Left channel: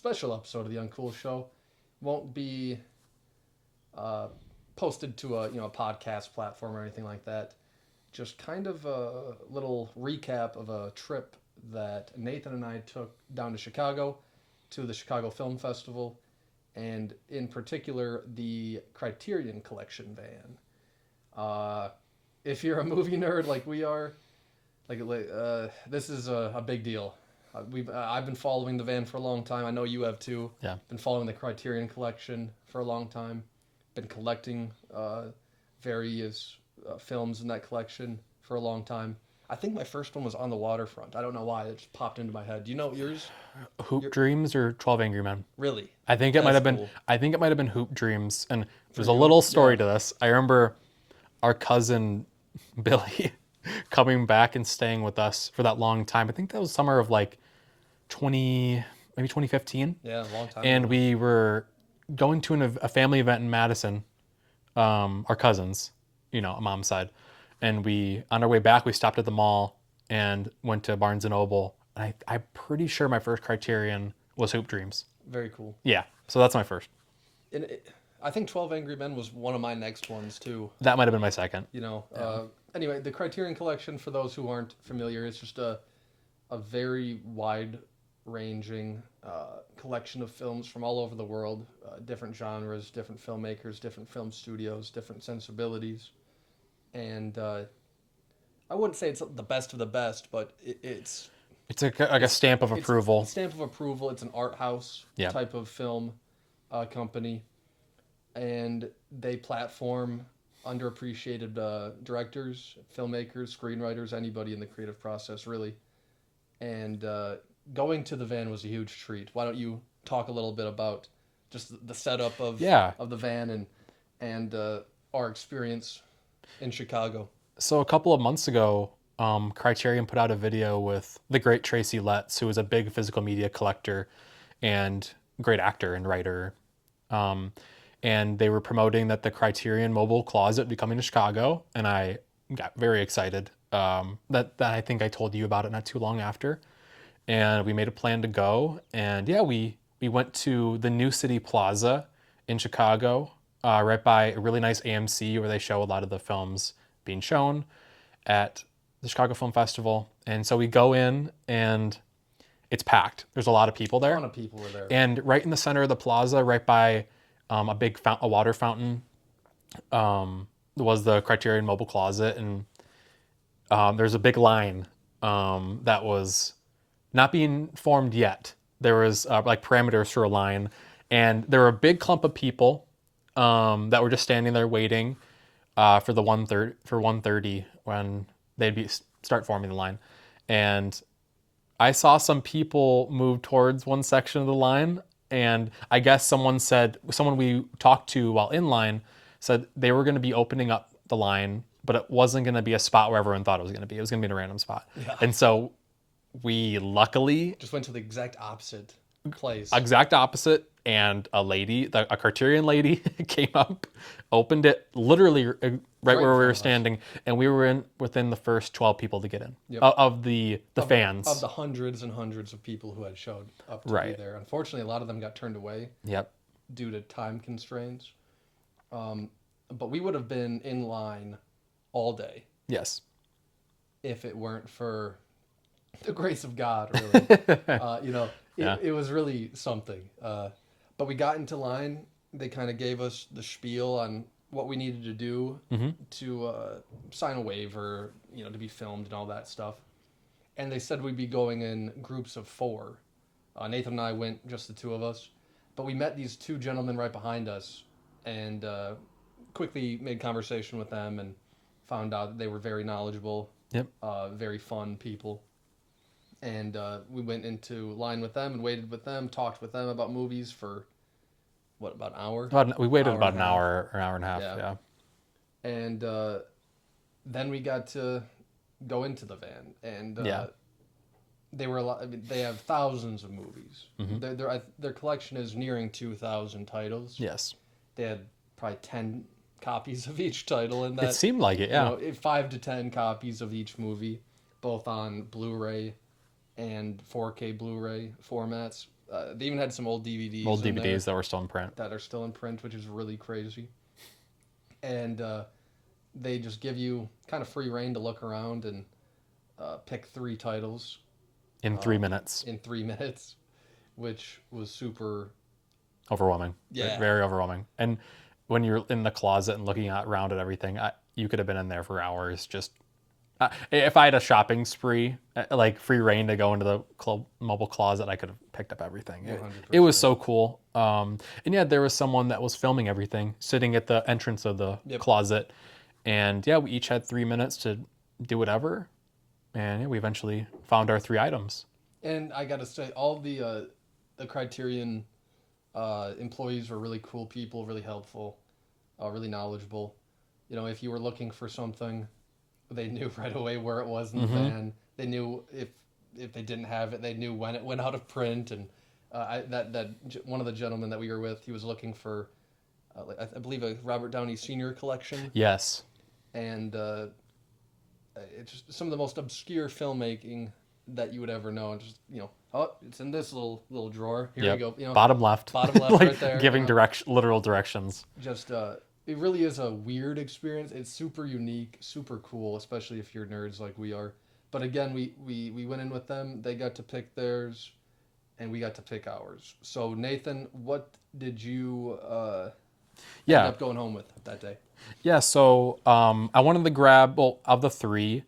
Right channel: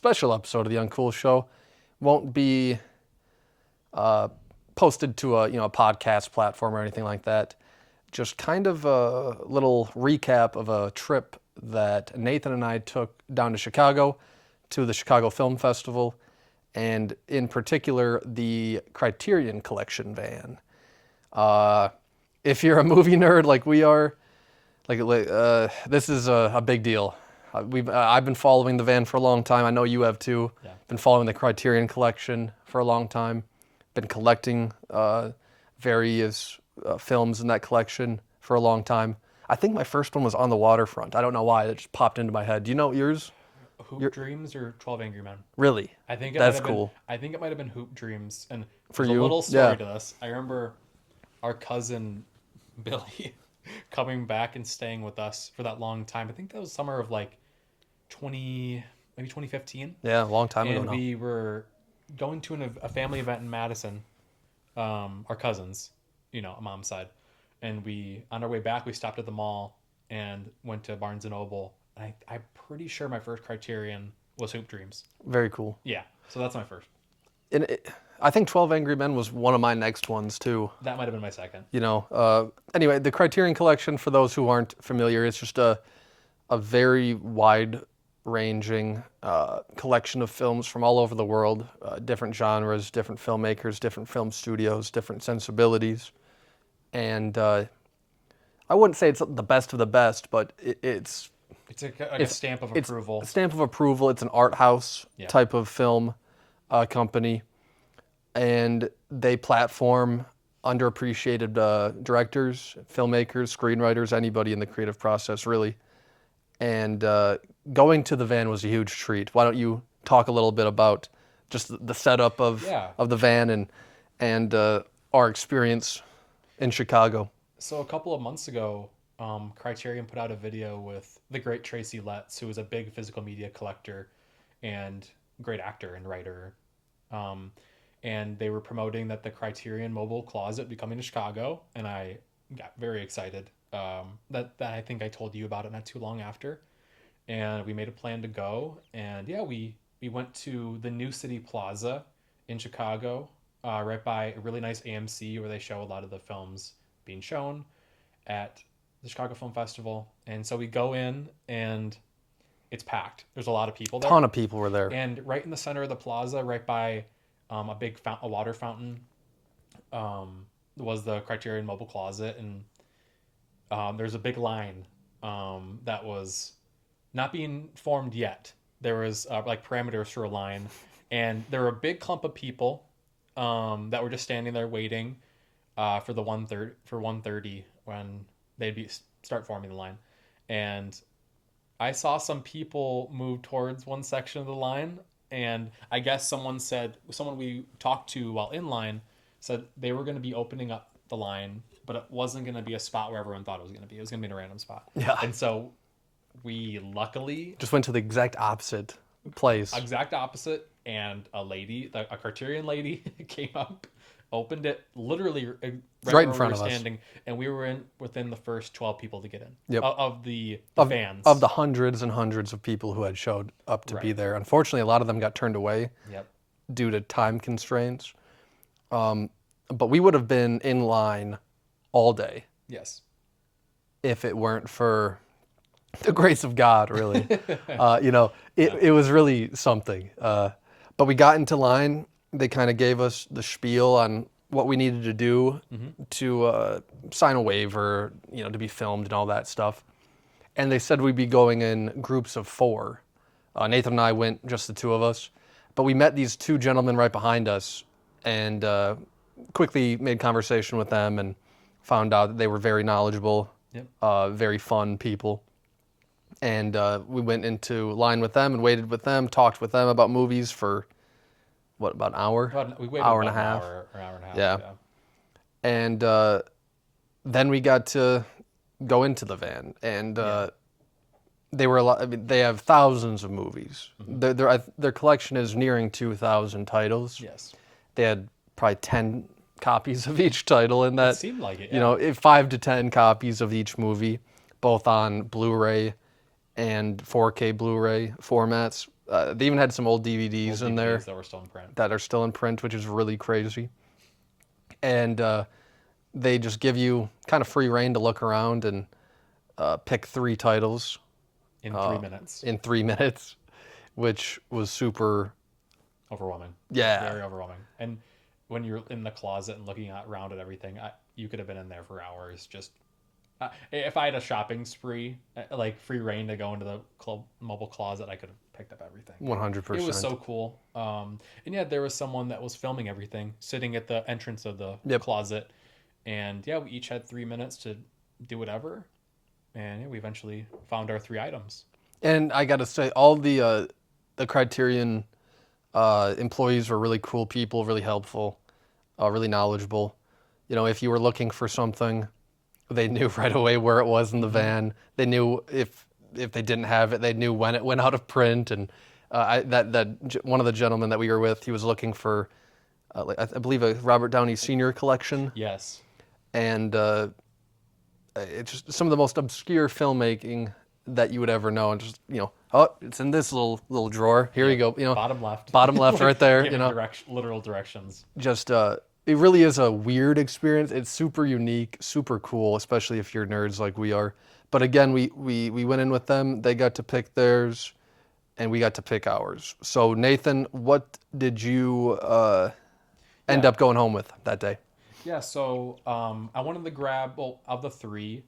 special episode of the Uncool Show. Won't be posted to a podcast platform or anything like that. Just kind of a little recap of a trip that Nathan and I took down to Chicago, to the Chicago Film Festival, and in particular the Criterion Collection van. If you're a movie nerd like we are, this is a big deal. I've been following the van for a long time. I know you have too. Yeah. Been following the Criterion Collection for a long time. Been collecting various films in that collection for a long time. I think my first one was On the Waterfront. I don't know why, it just popped into my head. Do you know yours? Hoop Dreams or 12 Angry Men? Really? I think it might have been. I think it might have been Hoop Dreams. And there's a you? little story Yeah. to this. I remember our cousin Billy coming back and staying with us for that long time. I think that was summer of like 2015. Yeah, a long time ago. And we were going to a family event in Madison, our cousins, a mom's side. And on our way back, we stopped at the mall and went to Barnes & Noble. And I'm pretty sure my first Criterion was Hoop Dreams. Very cool. Yeah, so that's my first. I think 12 Angry Men was one of my next ones too. That might have been my second. Anyway, the Criterion Collection, for those who aren't familiar, it's just a very wide-ranging collection of films from all over the world, different genres, different filmmakers, different film studios, different sensibilities. And I wouldn't say it's the best of the best, but it's a stamp of approval. It's a stamp of approval. It's an art house type of film company. And they platform underappreciated directors, filmmakers, screenwriters, anybody in the creative process, really. And going to the van was a huge treat. Why don't you talk a little bit about just the setup of the van and our experience in Chicago? So a couple of months ago, Criterion put out a video with the great Tracy Letts, who is a big physical media collector and great actor and writer. And they were promoting that the Criterion Mobile Closet would be coming to Chicago, and I got very excited. That I think I told you about it not too long after. And we made a plan to go, and we went to the New City Plaza in Chicago, right by a really nice AMC where they show a lot of the films being shown at the Chicago Film Festival. And so we go in, and it's packed. There's a lot of people there. A ton of people were there. And right in the center of the plaza, right by a water fountain, was the Criterion Mobile Closet. And there's a big line that was not being formed yet. There was parameters for a line. And there were a big clump of people that were just standing there waiting for 1:30 when they'd start forming the line. And I saw some people move towards one section of the line, and I guess someone we talked to while in line said they were going to be opening up the line, but it wasn't going to be a spot where everyone thought it was going to be. It was going to be in a random spot. Yeah. And so we luckily just went to the exact opposite place. Exact opposite, and a Criterion lady came up, opened it literally right where we were standing, and we were within the first 12 people to get in of the fans. Of the hundreds and hundreds of people who had showed up to be there. Unfortunately, a lot of them got turned away due to time constraints. But we would have been in line all day. Yes. If it weren't for the grace of God, really. It was really something. But we got into line. They kind of gave us the spiel on what we needed to do to sign a waiver, to be filmed and all that stuff. And they said we'd be going in groups of 4. Nathan and I went, just the 2 of us. But we met these 2 gentlemen right behind us and quickly made conversation with them and found out that they were very knowledgeable, very fun people. And we went into line with them and waited with them, talked with them about movies for, about an hour? We waited about an hour or hour and a half. Yeah. And then we got to go into the van, and they were a lot. I mean, they have thousands of movies. Mm-hmm. Their collection is nearing 2,000 titles. Yes. They had probably 10 copies of each title in that. It seemed like it, yeah. 5 to 10 copies of each movie, both on Blu-ray and 4K Blu-ray formats. They even had some old DVDs Old in DVDs there that were still in print. that are still in print, which is really crazy. And they just give you kind of free reign to look around and pick 3 titles In 3 minutes. in 3 minutes, which was super Overwhelming. Yeah. Very overwhelming. And when you're in the closet and looking around at everything, you could have been in there for hours. Just if I had a shopping spree, like free reign to go into the mobile closet, I could have picked up everything. 100%. It was so cool. And yeah, there was someone that was filming everything, sitting at the entrance of the closet. And yeah, we each had 3 minutes to do whatever. And yeah, we eventually found our 3 items. And I got to say, all the Criterion employees were really cool people, really helpful, really knowledgeable. You know, if you were looking for something, they knew right away where it was in the van. They knew if they didn't have it, they knew when it went out of print. And one of the gentlemen that we were with, he was looking for, I believe, a Robert Downey Sr. collection. Yes. And it's just some of the most obscure filmmaking that you would ever know, and just, you know, oh, it's in this little drawer. Here you go. You know, Bottom left. Bottom left, right there. Giving you know. literal directions. Just it really is a weird experience. It's super unique, super cool, especially if you're nerds like we are. But again, we went in with them. They got to pick theirs, and we got to pick ours. So Nathan, what did you end up going home with that day? Yeah, so I wanted to grab, well, of the 3,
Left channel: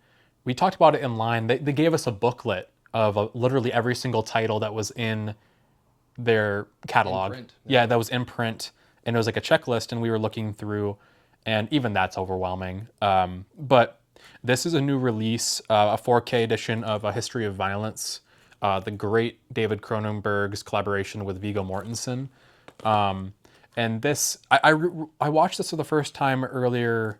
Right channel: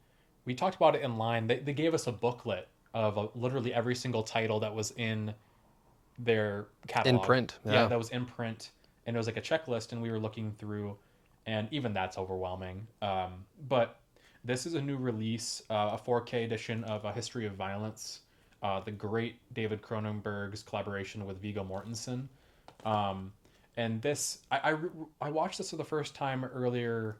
we talked about it in line. They gave us a booklet of literally every single title that was in their catalog. In print. Yeah, that was in print. And it was like a checklist, and we were looking through, and even that's overwhelming. But this is a new release, a 4K edition of A History of Violence, the great David Cronenberg's collaboration with Viggo Mortensen. And this, I watched this for the first time earlier,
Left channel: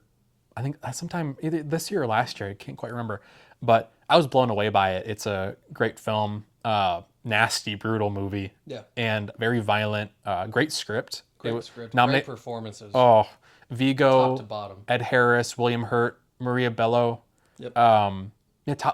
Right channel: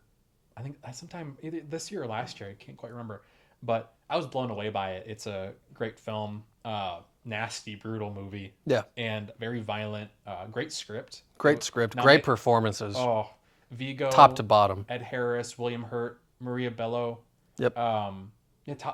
I think sometime either this year or last year, I can't quite remember. But I was blown away by it. It's a great film, nasty, brutal movie. Yeah. And very violent, great script. Great script, great performances. Oh, Viggo. Top to bottom. Ed Harris, William Hurt, Maria Bello. Yep. Yeah,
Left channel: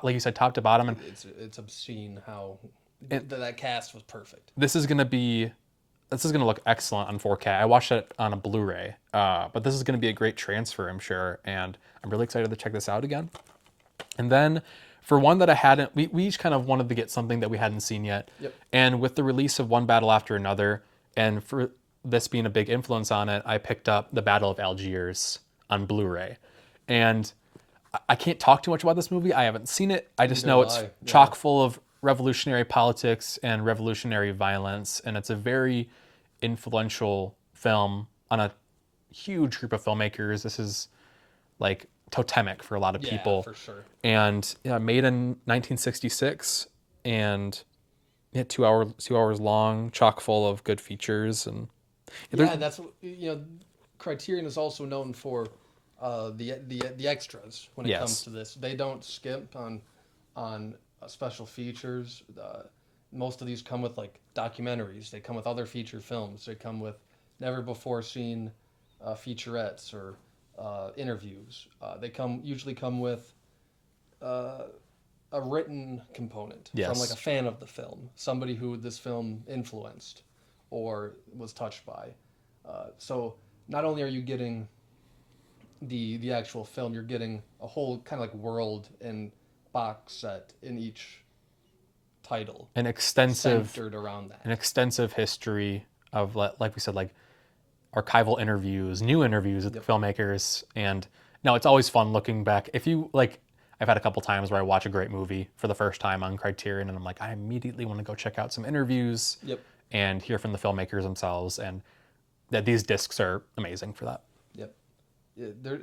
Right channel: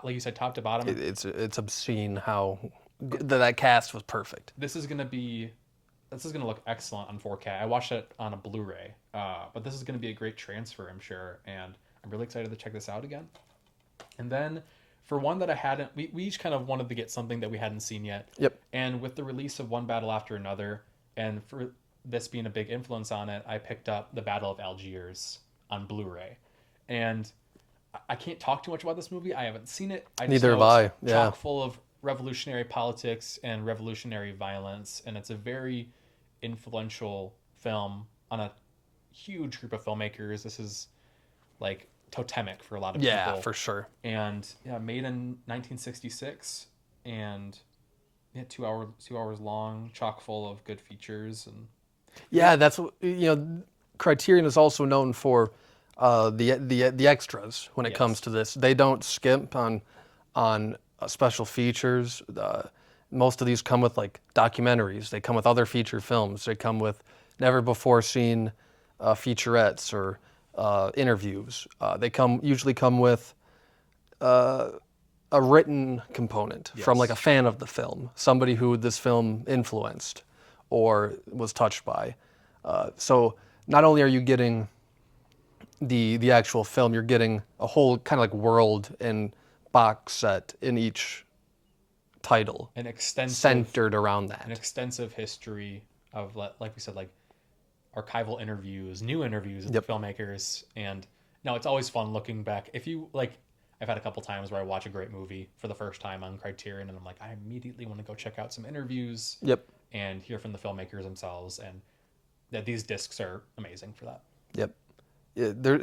like you said, top to bottom. It's obscene how that cast was perfect. This is gonna look excellent on 4K. I watched it on a Blu-ray, but this is gonna be a great transfer, I'm sure, and I'm really excited to check this out again. And then for one that I hadn't, we each kind of wanted to get something that we hadn't seen yet. Yep. And with the release of One Battle After Another, and for this being a big influence on it, I picked up The Battle of Algiers on Blu-ray. And I can't talk too much about this movie. I haven't seen it. I just know it's chock full of revolutionary politics and revolutionary violence, and it's a very influential film on a huge group of filmmakers. This is like totemic for a lot of people. Yeah, for sure. And yeah, made in 1966, and yeah, 2 hours long, chock full of good features. And yeah, that's, you know, Criterion is also known for the extras when it comes to this. They don't skimp on special features. Most of these come with like documentaries. They come with other feature films. They come with never before seen featurettes or interviews. They usually come with a written component from like a fan of the film, somebody who this film influenced or was touched by. So not only are you getting the actual film, you're getting a whole kind of like world and box set in each title. An extensive centered around that. An extensive history of, like we said, like archival interviews, new interviews with the filmmakers. And no, it's always fun looking back. If you like, I've had a couple times where I watch a great movie for the first time on Criterion, and I'm like, I immediately want to go check out some interviews and hear from the filmmakers themselves. And that these discs are amazing for that. Yep. Yeah,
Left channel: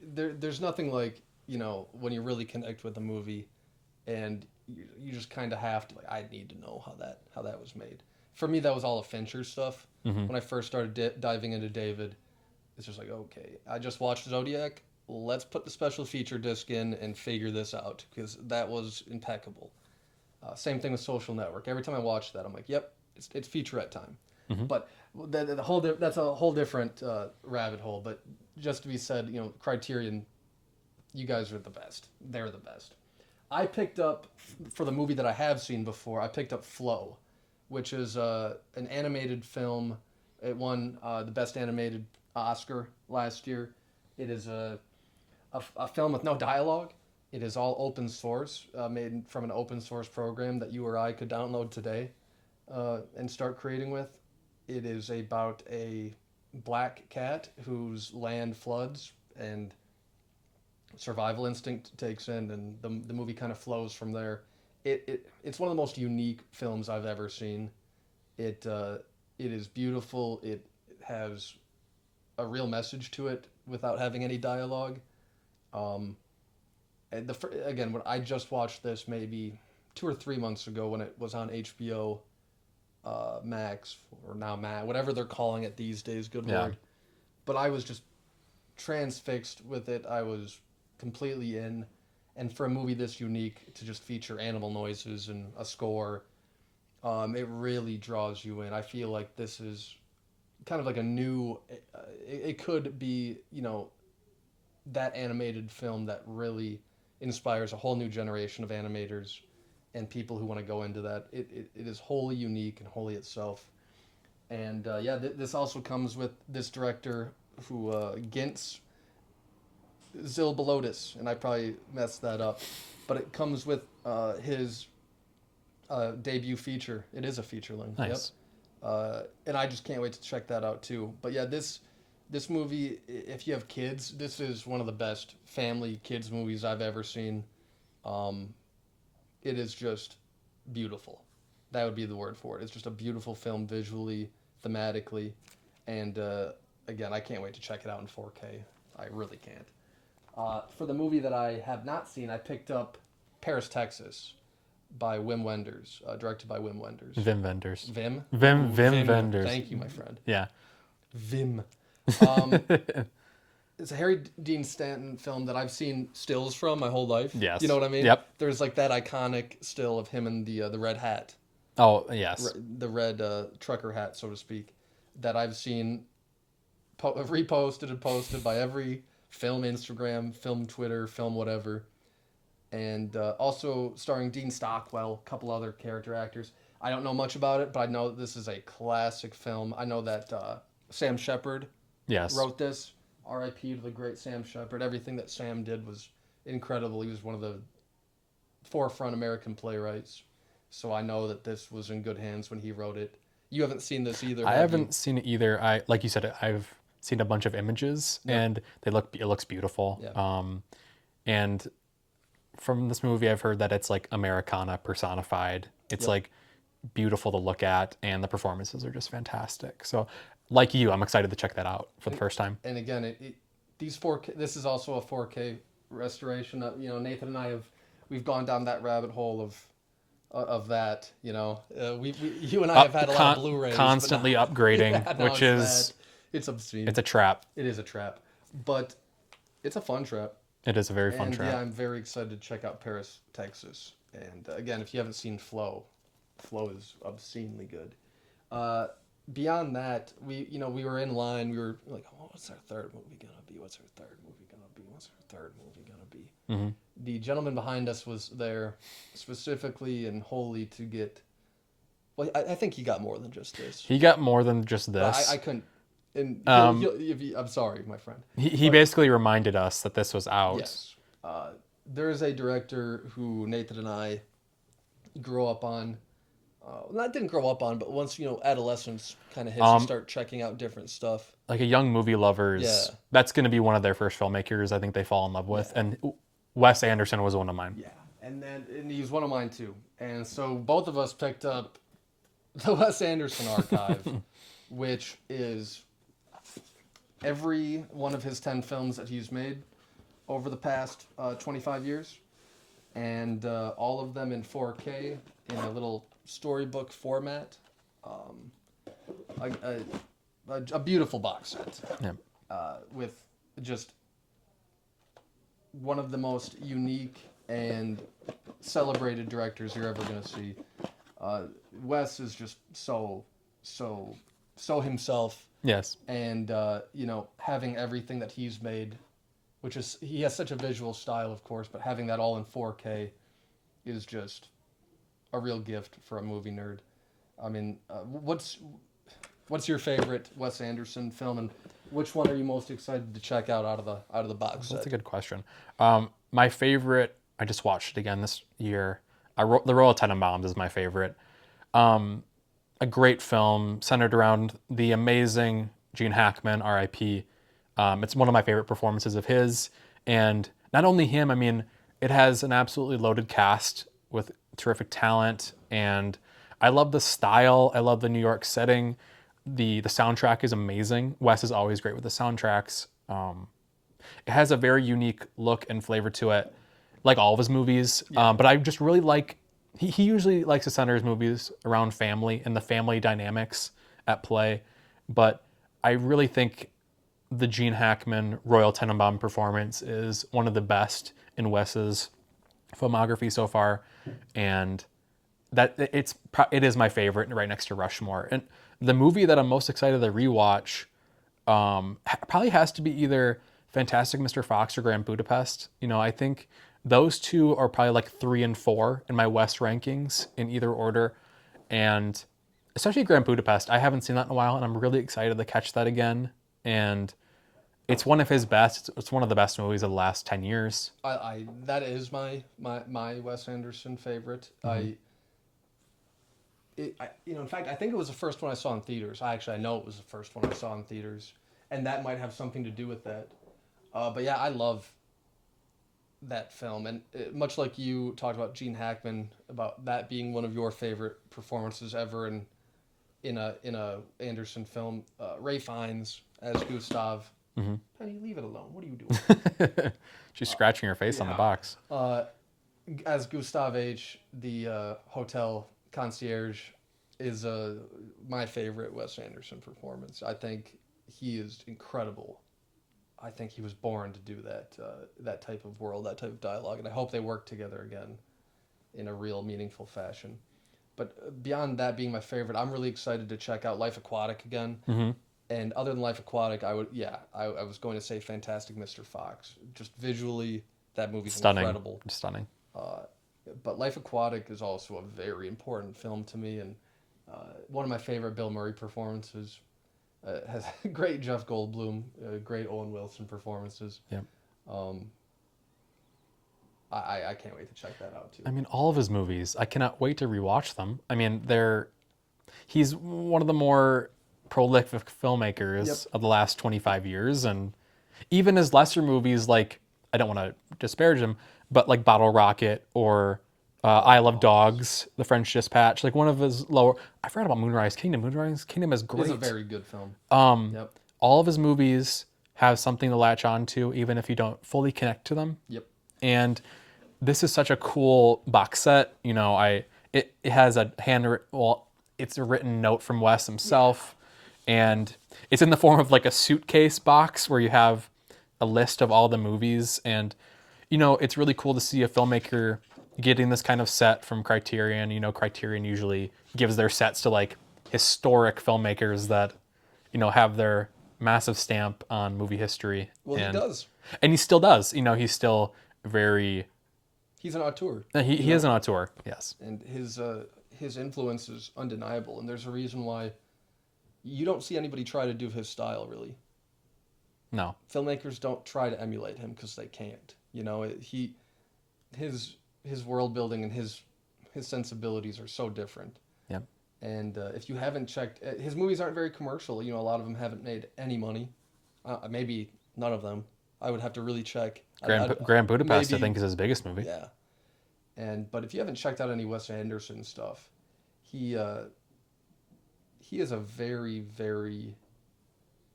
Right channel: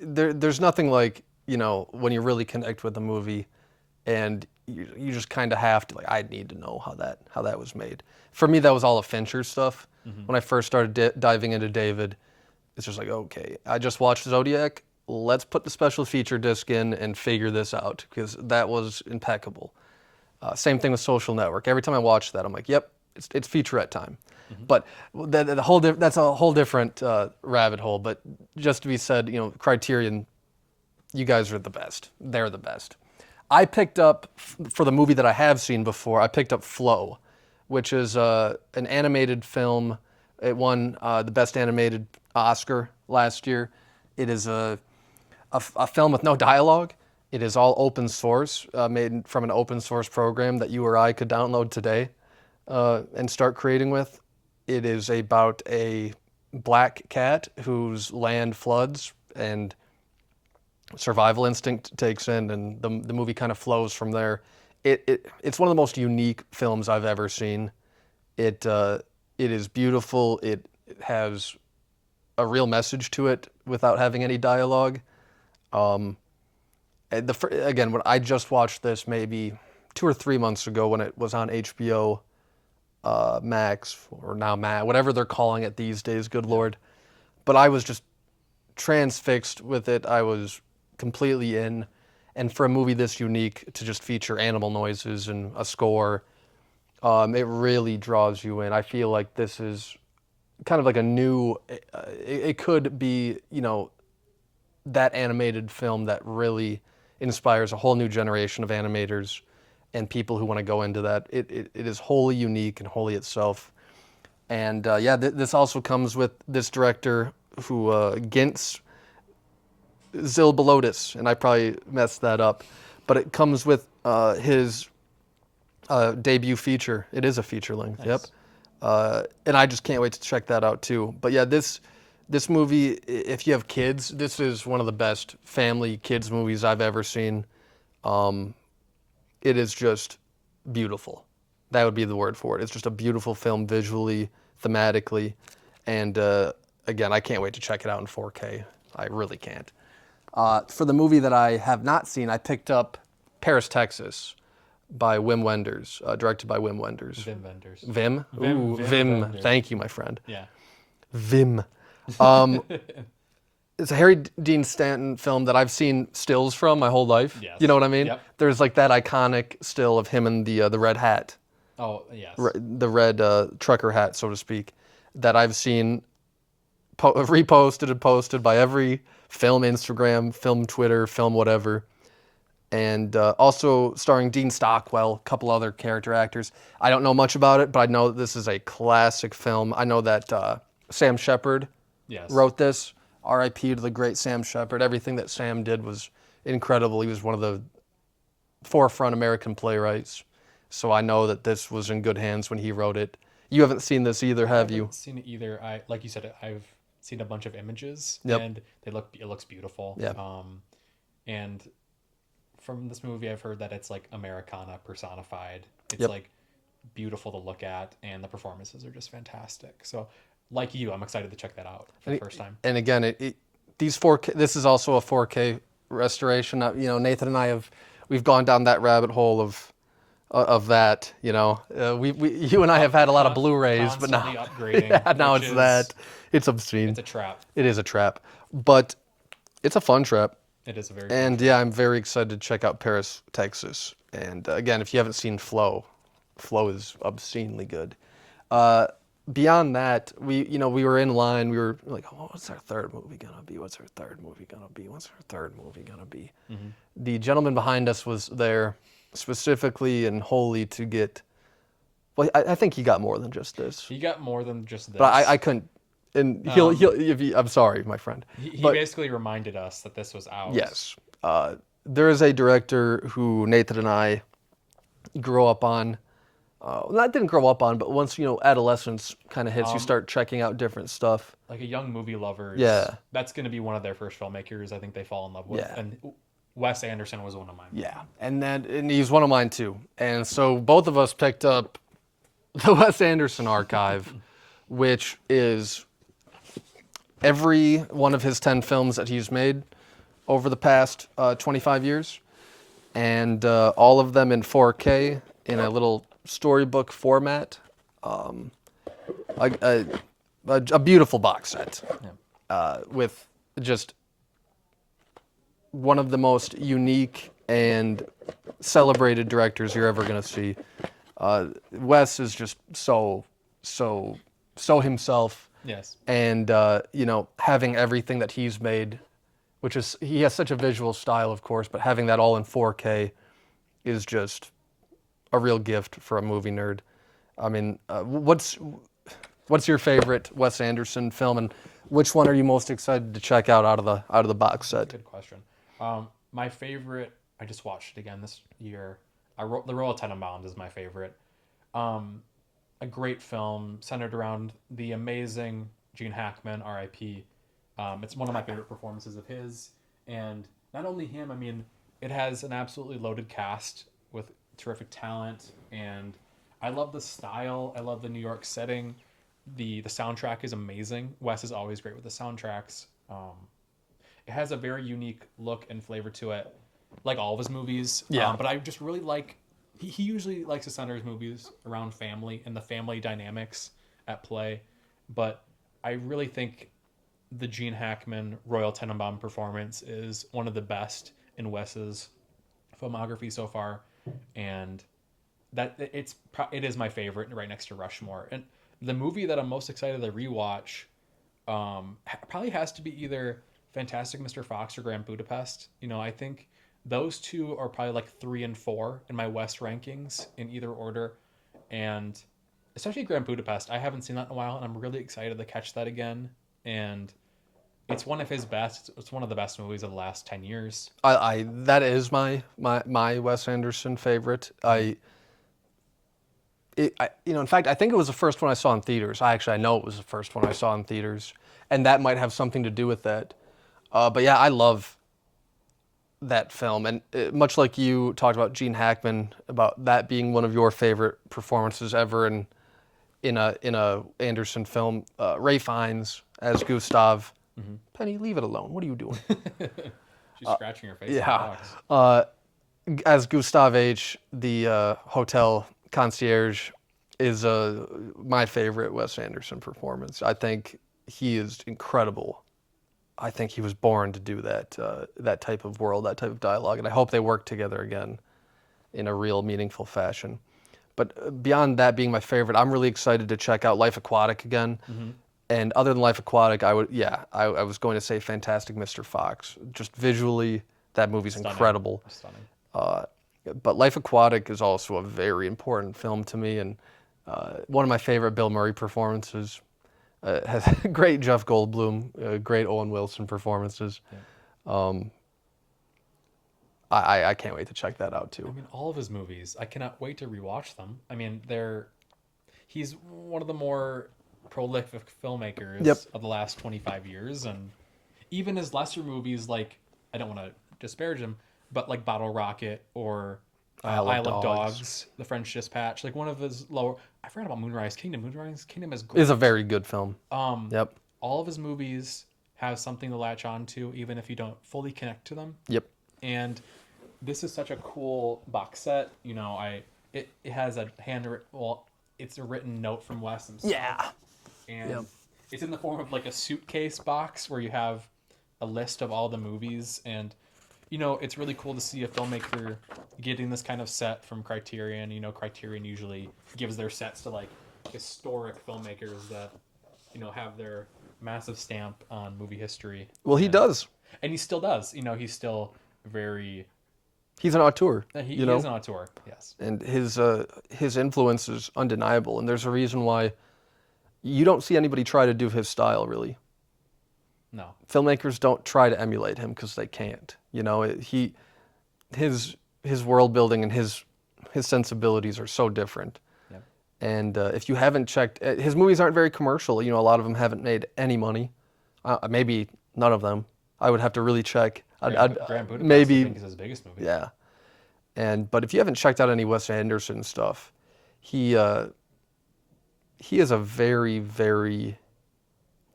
there's nothing like, you know, when you really connect with a movie and you just kind of have to, like, I need to know how that was made. For me, that was all of Fincher's stuff. Mm-hmm. When I first started diving into David, it's just like, okay, I just watched Zodiac. Let's put the special feature disc in and figure this out, because that was impeccable. Same thing with Social Network. Every time I watch that, I'm like, yep, it's featurette time. Mm-hmm. But that's a whole different rabbit hole. But just to be said, you know, Criterion, you guys are the best. They're the best. I picked up, for the movie that I have seen before, I picked up Flow, which is an animated film. It won the Best Animated Oscar last year. It is a film with no dialogue. It is all open source, made from an open source program that you or I could download today and start creating with. It is about a black cat whose land floods and survival instinct takes in, and the movie kind of flows from there. It's one of the most unique films I've ever seen. It is beautiful. It has a real message to it without having any dialogue. Again, when I just watched this maybe 2 or 3 months ago when it was on HBO Max, or now Max, whatever they're calling it these days, good Lord. But I was just transfixed with it. I was completely in. And for a movie this unique to just feature animal noises and a score, it really draws you in. I feel like this is kind of like a new, it could be, that animated film that really inspires a whole new generation of animators and people who want to go into that. It is wholly unique and wholly itself. And this also comes with this director who, Gintz Zilbalotis, and I probably messed that up, but it comes with his debut feature. It is a feature length. Nice. Yep. And I just can't wait to check that out too. But yeah, this movie, if you have kids, this is one of the best family kids movies I've ever seen. It is just beautiful. That would be the word for it. It's just a beautiful film visually, thematically, and again, I can't wait to check it out in 4K. I really can't. For the movie that I have not seen, I picked up Paris, Texas by Wim Wenders, directed by Wim Wenders. Vim Vendors. Vim? Vim Ooh, Wenders. Thank you, my friend. Yeah. Vim. It's a Harry Dean Stanton film that I've seen stills from my whole life. Yes. You know what I mean? Yep. There's like that iconic still of him in the red hat, Oh, yes. the red trucker hat, so to speak, that I've seen reposted and posted by every film Instagram, film Twitter, film whatever. And also starring Dean Stockwell, a couple other character actors. I don't know much about it, but I know that this is a classic film. I know that Sam Shepard Yes. wrote this. R.I.P. to the great Sam Shepard. Everything that Sam did was incredible. He was one of the forefront American playwrights. So I know that this was in good hands when he wrote it. You haven't seen this either, I have you? haven't seen it either. Like you said, I've seen a bunch of images, Yep. and it looks beautiful. Yep. And from this movie, I've heard that it's like Americana personified. It's Yep. like beautiful to look at, and the performances are just fantastic. So, like you, I'm excited to check that out for the first time. And again, these 4K. This is also a 4K restoration. Nathan and I we've gone down that rabbit hole of that. You and I have had a lot of Blu-rays, Constantly but now, upgrading. yeah, now which it's is, that. It's obscene. It's a trap. It is a trap, but it's a fun trap. It is a very fun And trap. yeah, I'm very excited to check out Paris, Texas. And again, if you haven't seen Flow is obscenely good. Beyond that, we were in line. We were like, oh, what's our third movie gonna be? What's our third movie gonna be? What's our third movie gonna be? Mm-hmm. The gentleman behind us was there specifically and wholly to get. Well, I think he got more than just this. He got more than just this. But I couldn't. And I'm sorry, my friend. He basically reminded us that this was out. Yes. There is a director who Nathan and I grew up on. Not didn't grow up on, but once adolescence kind of hits, you start checking out different stuff. Like a young movie lovers. Yeah. That's going to be one of their first filmmakers I think they fall in love with. Yeah. And Wes Anderson was one of mine. Yeah, and he's one of mine too. And so both of us picked up the Wes Anderson archive, which is every one of his 10 films that he's made over the past 25 years, and all of them in 4K in a little storybook format. A beautiful box set with just one of the most unique and celebrated directors you're ever going to see. Wes is just so himself. Yes. And having everything that he's made, which is, he has such a visual style, of course, but having that all in 4K is just a real gift for a movie nerd. I mean, what's your favorite Wes Anderson film, and which one are you most excited to check out of the box That's a set? good question. My favorite, I just watched it again this year. The Royal Tenenbaums is my favorite. Um, a great film centered around the amazing Gene Hackman, R.I.P. It's one of my favorite performances of his, and not only him. I mean, it has an absolutely loaded cast with terrific talent, and I love the style. I love the New York setting. The soundtrack is amazing. Wes is always great with the soundtracks. It has a very unique look and flavor to it, like all of his movies. Yeah. But I just really like, he usually likes to center his movies around family and the family dynamics at play. But I really think the Gene Hackman Royal Tenenbaum performance is one of the best in Wes's filmography so far. And it is my favorite right next to Rushmore. And the movie that I'm most excited to rewatch probably has to be either Fantastic Mr. Fox or Grand Budapest. I think those two are probably like 3 and 4 in my West rankings in either order. And especially Grand Budapest, I haven't seen that in a while, and I'm really excited to catch that again. And it's one of his best. It's one of the best movies of the last 10 years. I that is my Wes Anderson favorite. In fact, I think it was the first one I saw in theaters. I know it was the first one I saw in theaters, and that might have something to do with that. But yeah, I love that film, and much like you talked about Gene Hackman, about that being one of your favorite performances ever in a Anderson film. Ray Fiennes as Gustav. Penny, leave it alone. What are you doing? She's scratching her face on the yeah. box. As Gustav H., the hotel concierge, is my favorite Wes Anderson performance. I think he is incredible. I think he was born to do that type of world, that type of dialogue, and I hope they work together again in a real meaningful fashion. But beyond that being my favorite, I'm really excited to check out Life Aquatic again. And other than Life Aquatic, I was going to say Fantastic Mr. Fox. Just visually, that movie's incredible. Stunning. But Life Aquatic is also a very important film to me, and one of my favorite Bill Murray performances. Has great Jeff Goldblum, great Owen Wilson performances. Yeah. I can't wait to check that out too. I mean, all of his movies, I cannot wait to rewatch them. I mean, he's one of the more prolific filmmakers of the last 25 years. And even his lesser movies, like, I don't want to disparage him, but like Bottle Rocket or I Love Dogs, The French Dispatch, like one of his lower, I forgot about Moonrise Kingdom. Moonrise Kingdom is great. It's a very good film. All of his movies have something to latch on to, even if you don't fully connect to them. Yep. And this is such a cool box set. It has it's a written note from Wes himself, and it's in the form of like a suitcase box where you have a list of all the movies, and it's really cool to see a filmmaker getting this kind of set from Criterion. Criterion usually gives their sets to like historic filmmakers that have their massive stamp on movie history. Well, he does, and he still does. He's still very. He's an auteur. He is an auteur, yes. And his influence is undeniable. And there's a reason why you don't see anybody try to do his style, really. No. Filmmakers don't try to emulate him because they can't. His world building and his sensibilities are so different. Yeah. And if you haven't checked, his movies aren't very commercial. A lot of them haven't made any money. Maybe none of them. I would have to really check. Grand Budapest, I think, is his biggest movie. Yeah. But if you haven't checked out any Wes Anderson stuff, he is a very, very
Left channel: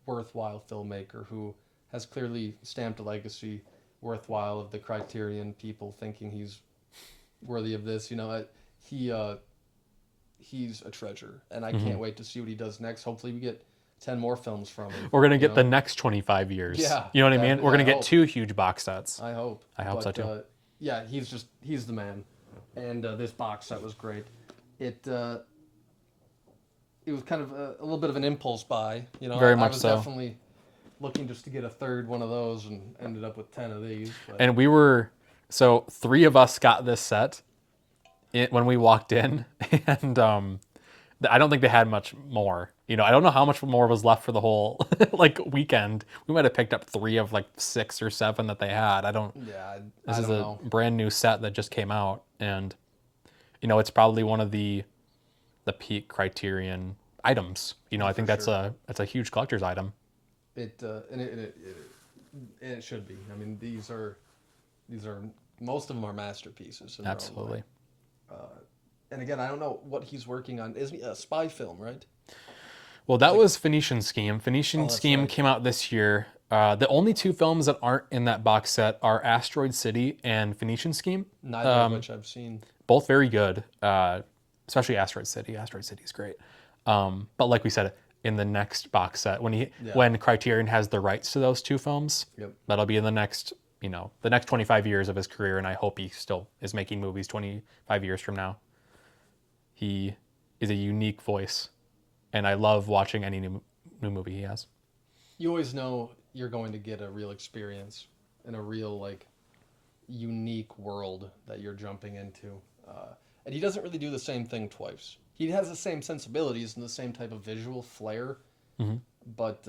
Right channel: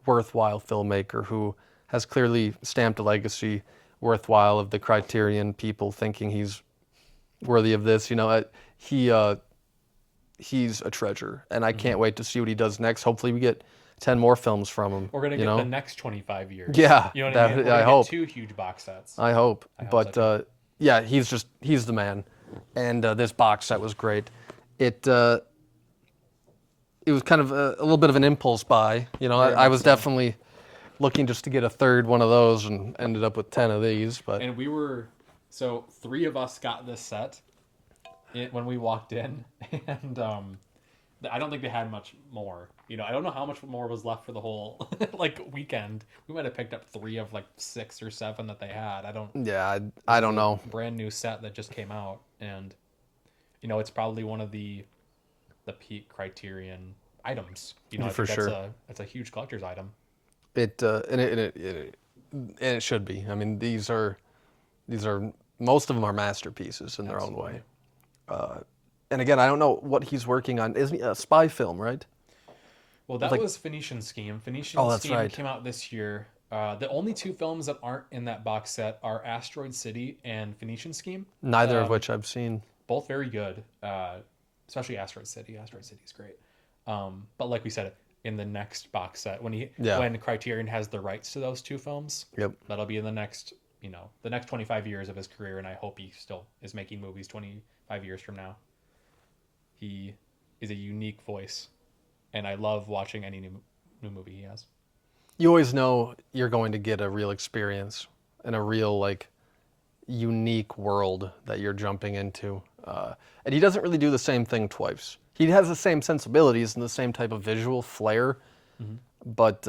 worthwhile filmmaker who has clearly stamped a legacy worthwhile of the Criterion people thinking he's worthy of this. He's a treasure, and I can't wait to see what he does next. Hopefully we get 10 more films from him. We're going to get the next 25 years. Yeah. You know what I mean? We're going to get 2 huge box sets. I hope. I hope so too. Yeah, he's the man. And this box set was great. It was kind of a little bit of an impulse buy. I was definitely looking just to get a third one of those and ended up with 10 of these. But And so 3 of us got this set when we walked in. And I don't think they had much more. You know, I don't know how much more was left for the whole like weekend. We might have picked up 3 of like 6 or 7 that they had. I don't. Yeah, This I is don't a know. brand new set that just came out, and you know, it's probably one of the peak Criterion items. You know, I For think that's sure. a huge collector's item. And it should be. I mean, these are most of them are masterpieces in their own Absolutely. way. And again, I don't know what he's working on. Isn't he a spy film, right? Well, that was Phoenician Scheme. Phoenician that's Scheme right. came out this year. The only 2 films that aren't in that box set are Asteroid City and Phoenician Scheme. Neither of which I've seen. Both very good, especially Asteroid City. Asteroid City is great. But like we said, in the next box set, when Criterion has the rights to those 2 films, Yep. that'll be in the next, the next 25 years of his career, and I hope he still is making movies 25 years from now. He is a unique voice, and I love watching any new movie he has. You always know you're going to get a real experience and a real like unique world that you're jumping into. And he doesn't really do the same thing twice. He has the same sensibilities and the same type of visual flair, but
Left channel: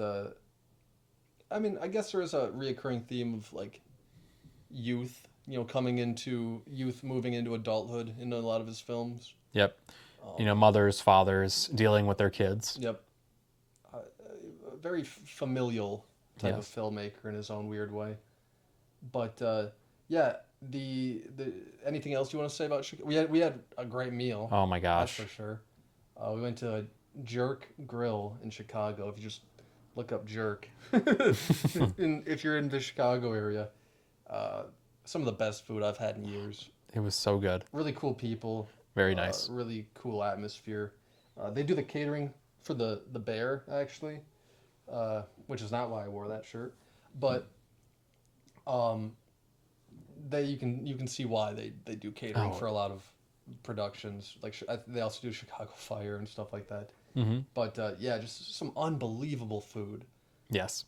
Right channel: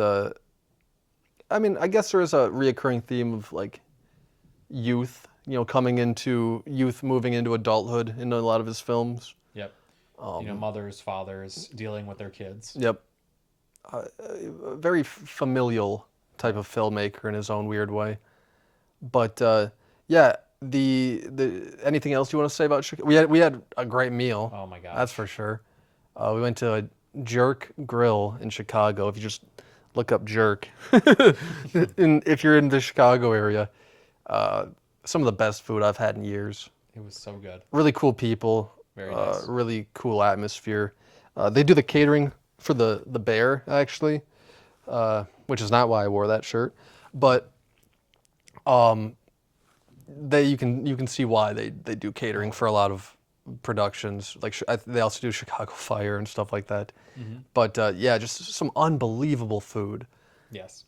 I mean, I guess there is a reoccurring theme of like youth, coming into youth, moving into adulthood in a lot of his films. Yep. Mothers, fathers dealing with their kids. Yep. A very familial type of filmmaker in his own weird way. But yeah, the anything else you want to say about Chicago? We had a great meal. Oh my gosh. That's for sure. We went to a Jerk Grill in Chicago. If you just look up Jerk, if you're in the Chicago area, some of the best food I've had in years. It was so good. Really cool people. Very nice. Really cool atmosphere. They do the catering for the bear actually, which is not why I wore that shirt, but you can see why they do catering for a lot of productions. Like they also do Chicago Fire and stuff like that. But yeah, just some unbelievable food. Yes.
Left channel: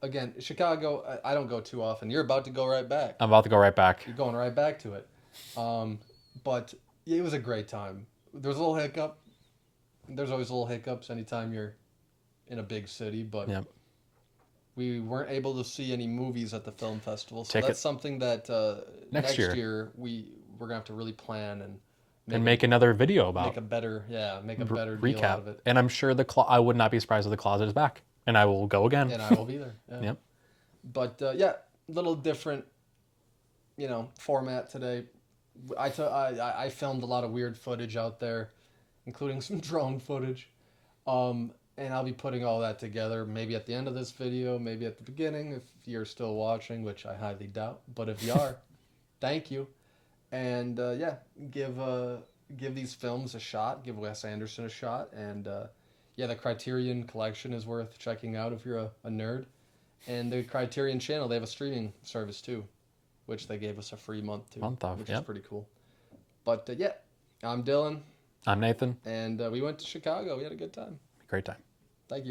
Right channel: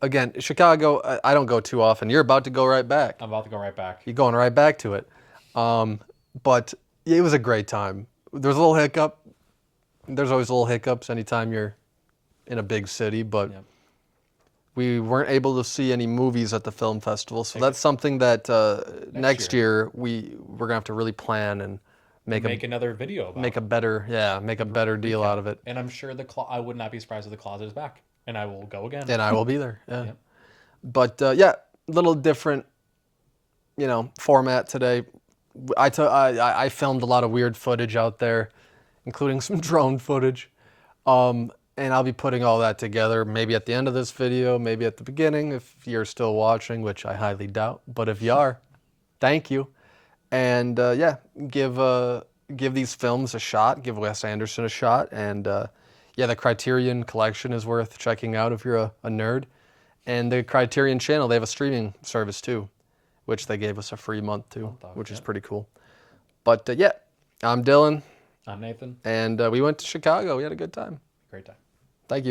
Again, Chicago, I don't go too often. You're about to go right back. I'm about to go right back. You're going right back to it. But yeah, it was a great time. There was a little hiccup. There's always little hiccups anytime you're in a big city, but Yeah. we weren't able to see any movies at the film festival. So Take that's something that next year. year we're gonna have to really plan and Make another video about. make a better deal recap. out of it. And I'm sure I would not be surprised if the closet is back, and I will go again. And I will be there. Yeah. Yep. But yeah, little different, format today. I filmed a lot of weird footage out there, including some drone footage. And I'll be putting all that together, maybe at the end of this video, maybe at the beginning if you're still watching, which I highly doubt. But if you are, thank you. And yeah, give these films a shot. Give Wes Anderson a shot. And yeah, the Criterion collection is worth checking out if you're a nerd. And the Criterion channel, they have a streaming service too, which they gave us a free month to, which is pretty cool. But yeah, I'm Dylan. I'm Nathan. And we went to Chicago. We had a good time. Great time. Thank you.